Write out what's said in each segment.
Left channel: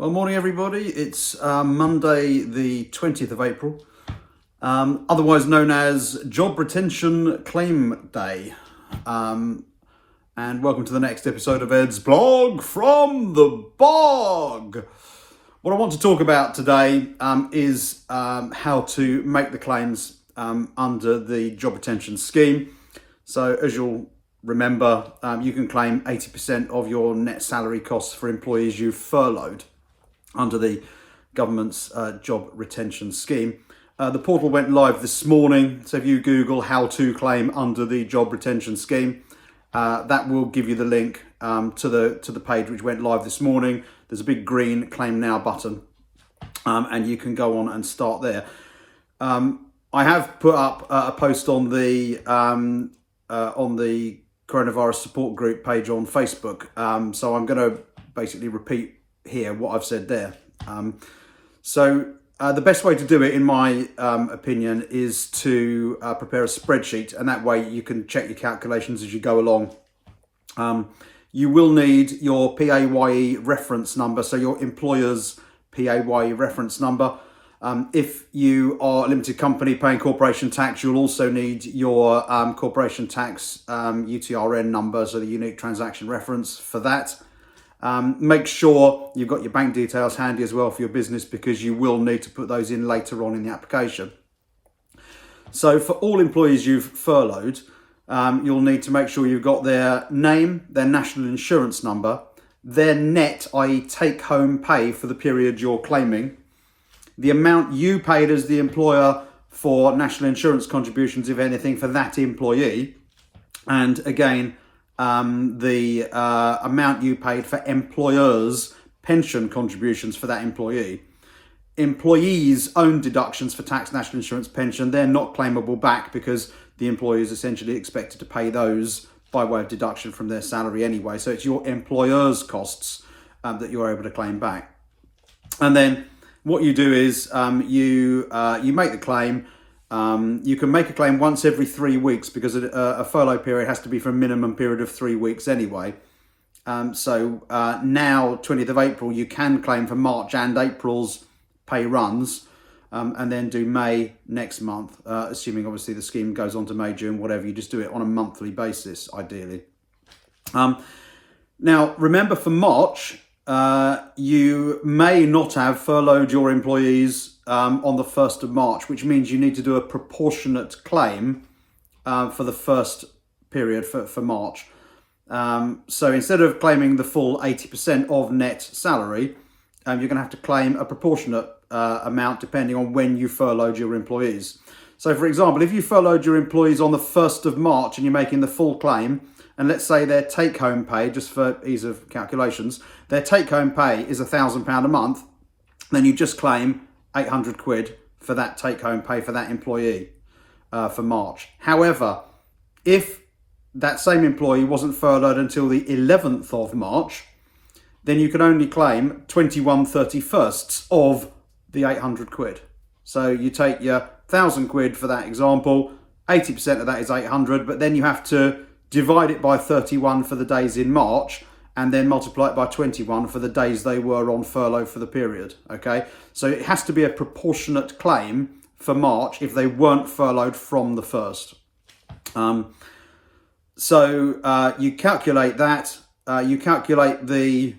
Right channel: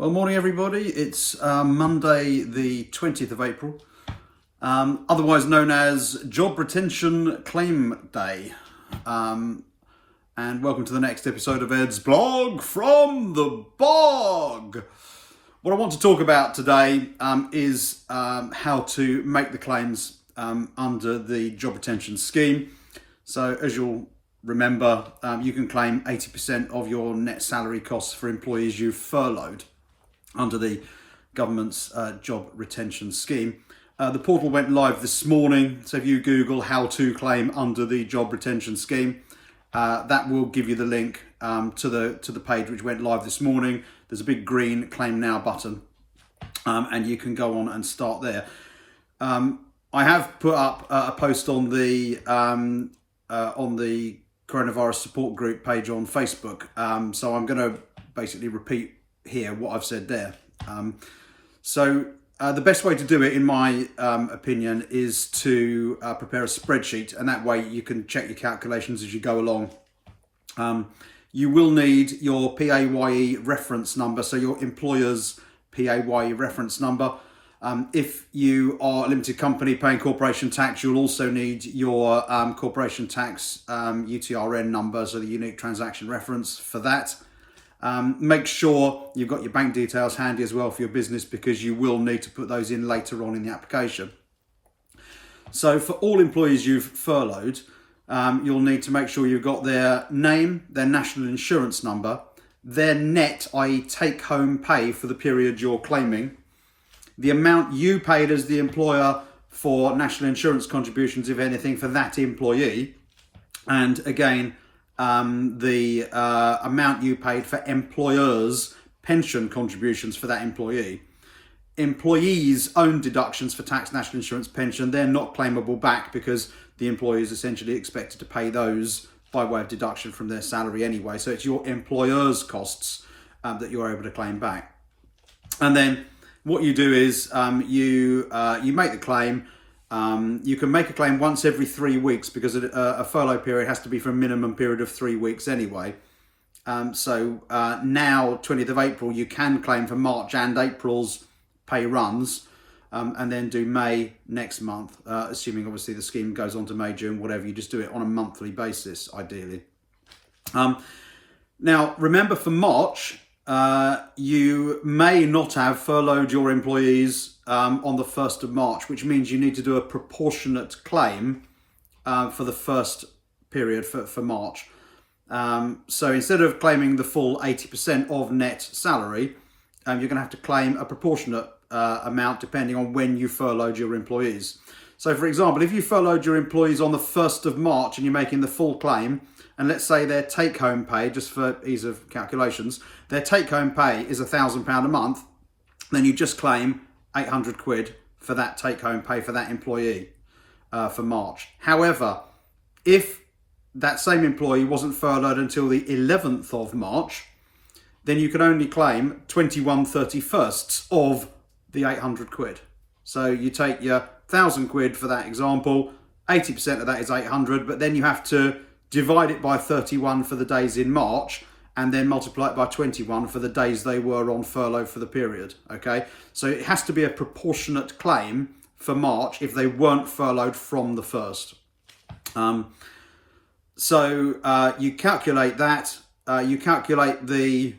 Well, morning everybody. It's Monday the 20th of April, otherwise known as Job Retention Claim Day. And welcome to the next episode of Ed's Blog from the Bog. What I want to talk about today is how to make the claims under the Job Retention Scheme. So as you'll remember, you can claim 80% of your net salary costs for employees you've furloughed under the government's Job Retention Scheme. The portal went live this morning, so if you Google how to claim under the Job Retention Scheme, that will give you the link to the page which went live this morning. There's a big green Claim Now button, and you can go on and start there. I have put up a post on the coronavirus support group page on Facebook, so I'm going to basically repeat here what I've said there. The best way to do it, in my opinion, is to prepare a spreadsheet, and that way you can check your calculations as you go along. You will need your PAYE reference number, so your employer's PAYE reference number. If you are a limited company paying corporation tax, you'll also need your corporation tax UTRN number, so the unique transaction reference for that. Make sure you've got your bank details handy as well for your business, because you will need to put those in later on in the application. So for all employees you've furloughed, you'll need to make sure you've got their name, their national insurance number, their net, i.e. take-home pay for the period you're claiming, the amount you paid as the employer for national insurance contributions, if anything, for that employee, and again, the amount you paid for employers' pension contributions for that employee. Employees' own deductions for tax, national insurance, pension, they're not claimable back, because the employee is essentially expected to pay those by way of deduction from their salary anyway. So it's your employer's costs that you're able to claim back. And then what you do is you make the claim. You can make a claim once every 3 weeks, because a furlough period has to be for a minimum period of 3 weeks anyway. Now, 20th of April, you can claim for March and April's pay runs, and then do May next month, assuming obviously the scheme goes on to May, June, whatever. You just do it on a monthly basis, ideally. Now, remember, for March, you may not have furloughed your employees on the 1st of March, which means you need to do a proportionate claim for the first period for March. So instead of claiming the full 80% of net salary, you're going to have to claim a proportionate amount depending on when you furloughed your employees. So for example, if you furloughed your employees on the 1st of March and you're making the full claim, and let's say their take-home pay, just for ease of calculations, their take-home pay is £1,000 a month, then you just claim 800 quid for that take-home pay for that employee for March. However, if that same employee wasn't furloughed until the 11th of March, then you can only claim 21/31 of the 800 quid. So you take your 1,000 quid for that example, 80% of that is 800, but then you have to divide it by 31 for the days in March, and then multiply it by 21 for the days they were on furlough for the period, okay? So it has to be a proportionate claim for March if they weren't furloughed from the 1st. You calculate that, you calculate the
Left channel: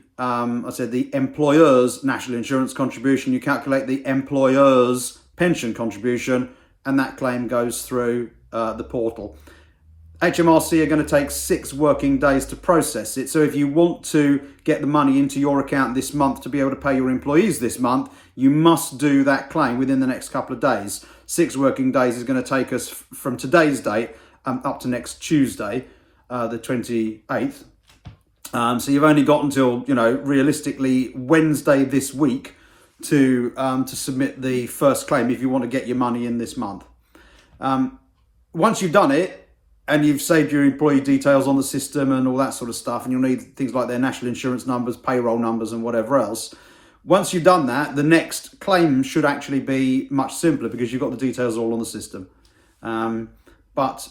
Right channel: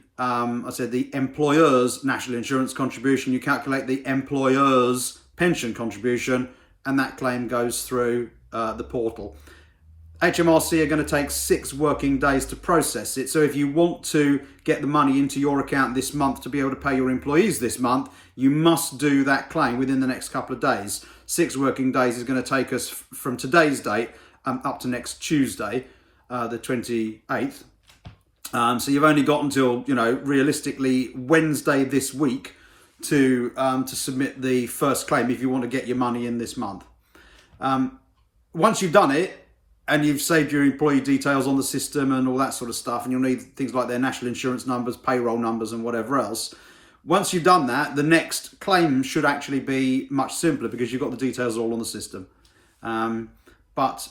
employer's national insurance contribution, you calculate the employer's pension contribution, and that claim goes through the portal. HMRC are going to take 6 working days to process it. So if you want to get the money into your account this month to be able to pay your employees this month, you must do that claim within the next couple of days. 6 working days is going to take us from today's date up to next Tuesday, the 28th. So you've only got until, realistically Wednesday this week to submit the first claim if you want to get your money in this month. Once you've done it, and you've saved your employee details on the system and all that sort of stuff, and you'll need things like their national insurance numbers, payroll numbers, and whatever else. Once you've done that, the next claim should actually be much simpler, because you've got the details all on the system. But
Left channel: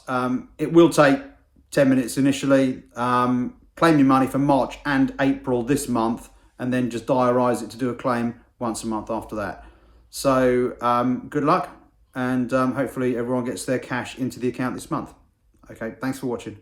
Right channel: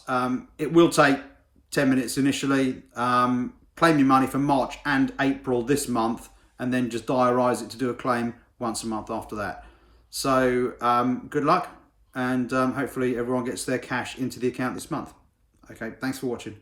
it will take 10 minutes initially. Claim your money for March and April this month, and then just diarise it to do a claim once a month after that. So good luck, and hopefully everyone gets their cash into the account this month. Okay, thanks for watching.